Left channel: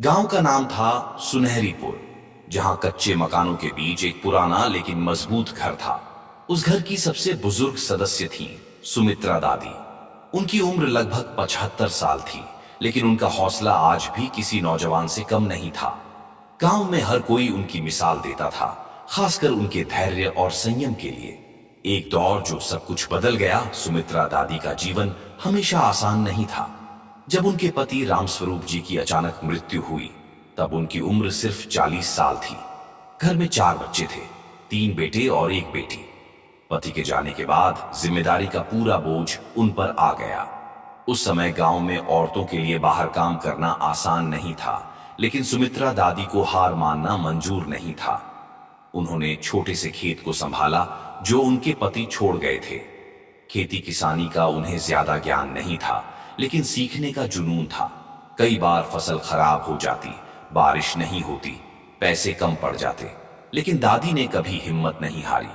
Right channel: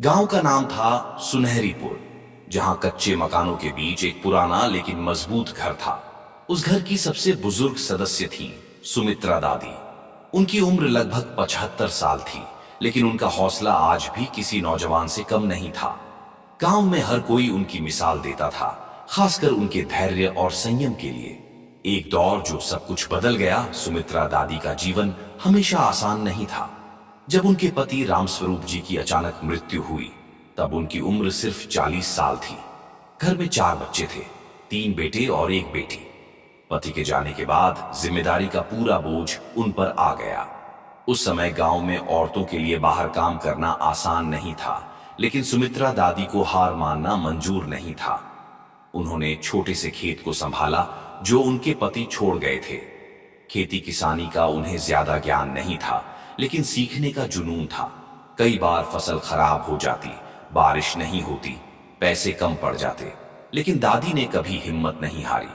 गांव का नाम था सुनहरीपुर, जहां कच्चे मकानों के बीच एक पुराना लेकिन मजबूत घर था। उस घर की सबसे बुजुर्ग सदस्य थीं सुमित्रा दादी। उनकी उम्र लगभग 75 साल थी, लेकिन उनका हौसला आज भी किसी नौजवान से कम नहीं था। गांव में हर कोई उनकी मिसाल देता था, खासकर उनके धैर्य और संयम के लिए। एक दौर जो सब कुछ बदल गया। सुमित्रा दादी का जीवन हमेशा आसान नहीं था। जब उनके पति रामस्वरूप जी की अचानक मृत्यु हुई, तब उनकी उम्र सिर्फ 40 साल थी। घर में 4 बच्चे थे, 3 बेटे और 1 बेटी। पति के जाने के बाद जिम्मेदारी का पूरा बोझ उन पर आ गया। उस समय गांव में औरतों के लिए बाहर काम करना आसान नहीं था, लेकिन सुमित्रा दादी को हार मानना मंजूर नहीं था। उन्होंने छोटे से खेत को संभाला जो उनके पति छोड़ गए थे। खेती किसानी का उन्हें ज्यादा ज्ञान नहीं था, लेकिन सीखने का जुनून था। कई बार फसल खराब हो जाती, बारिश नहीं होती, पैसे कम पड़ जाते, लेकिन दादी ने कभी हिम्मत नहीं हारी।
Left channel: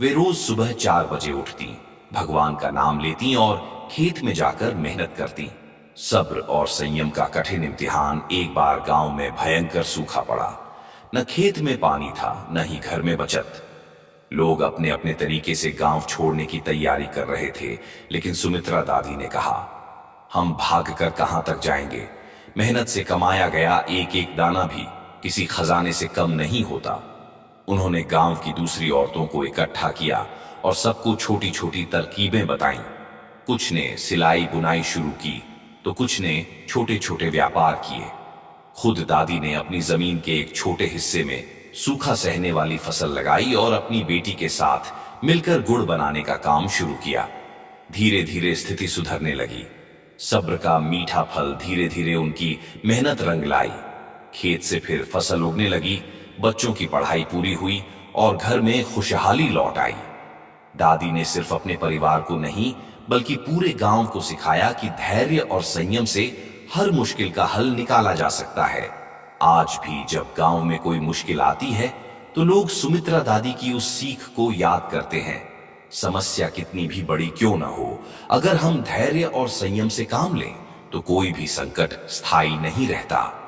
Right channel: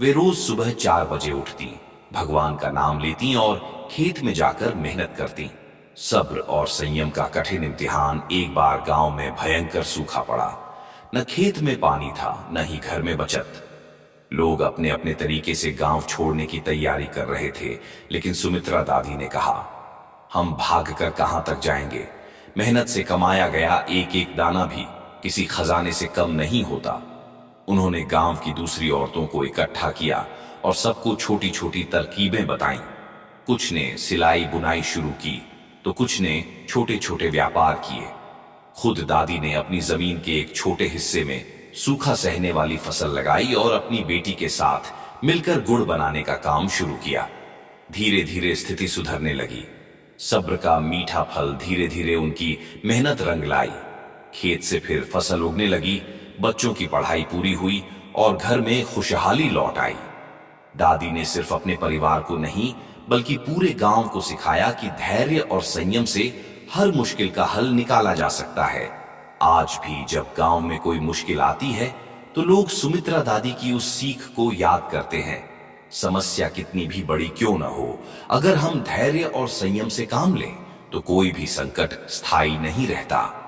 वे रोज सुबह 4 बजे उठती, भगवान का नाम लेती और खेत में जाकर मेहनत करती। सब्र और संयम का कठिन इम्तिहान। एक बार गांव में भयंकर सूखा पड़ा। न खेत में पानी था, न ही घर में बचत। लोग अपने अपने तरीके से गांव छोड़ने की तैयारी कर रहे थे, लेकिन सुमित्रा दादी ने कहा, हम भागकर कहां तक जाएंगे। मेहनत से कमाया गया एक एक दाना भी किसी खजाने से कम नहीं होता। उन्होंने गांव की दूसरी औरतों को इकट्ठा किया और सबको छोटी छोटी तरकीबें बताईं। कुछ ने सिलाई बुनाई शुरू की, तो कुछ ने छोटे छोटे व्यापार किए। खुद दादी ने अपनी जमीन के एक छोटे हिस्से में सूखा सहने वाली फसल लगाई और अपनी बेटी के साथ मिलकर गुड़ बनाने का काम शुरू किया। धीरे धीरे स्थिति सुधरने लगी। सब्र का मीठा फल धीरे धीरे उनकी मेहनत रंग लाई। खेत से फिर फसल उगने लगी, बच्चों की पढ़ाई पूरी हुई और घर में खुशहाली लौट आई। दादी ने सिर्फ अपने परिवार को नहीं, बल्कि पूरे गांव को सिखाया कि धैर्य और संयम से हर मुश्किल का हल निकाला जा सकता है। आज भी जब गांव में कोई मुश्किल आती है, तो लोग सुमित्रा दादी की उस सीख को याद करते हैं। समस्या कितनी भी बड़ी क्यों न हो, अगर हम धैर्य और संयम से काम लें, तो कोई भी संकट स्थायी नहीं रहता।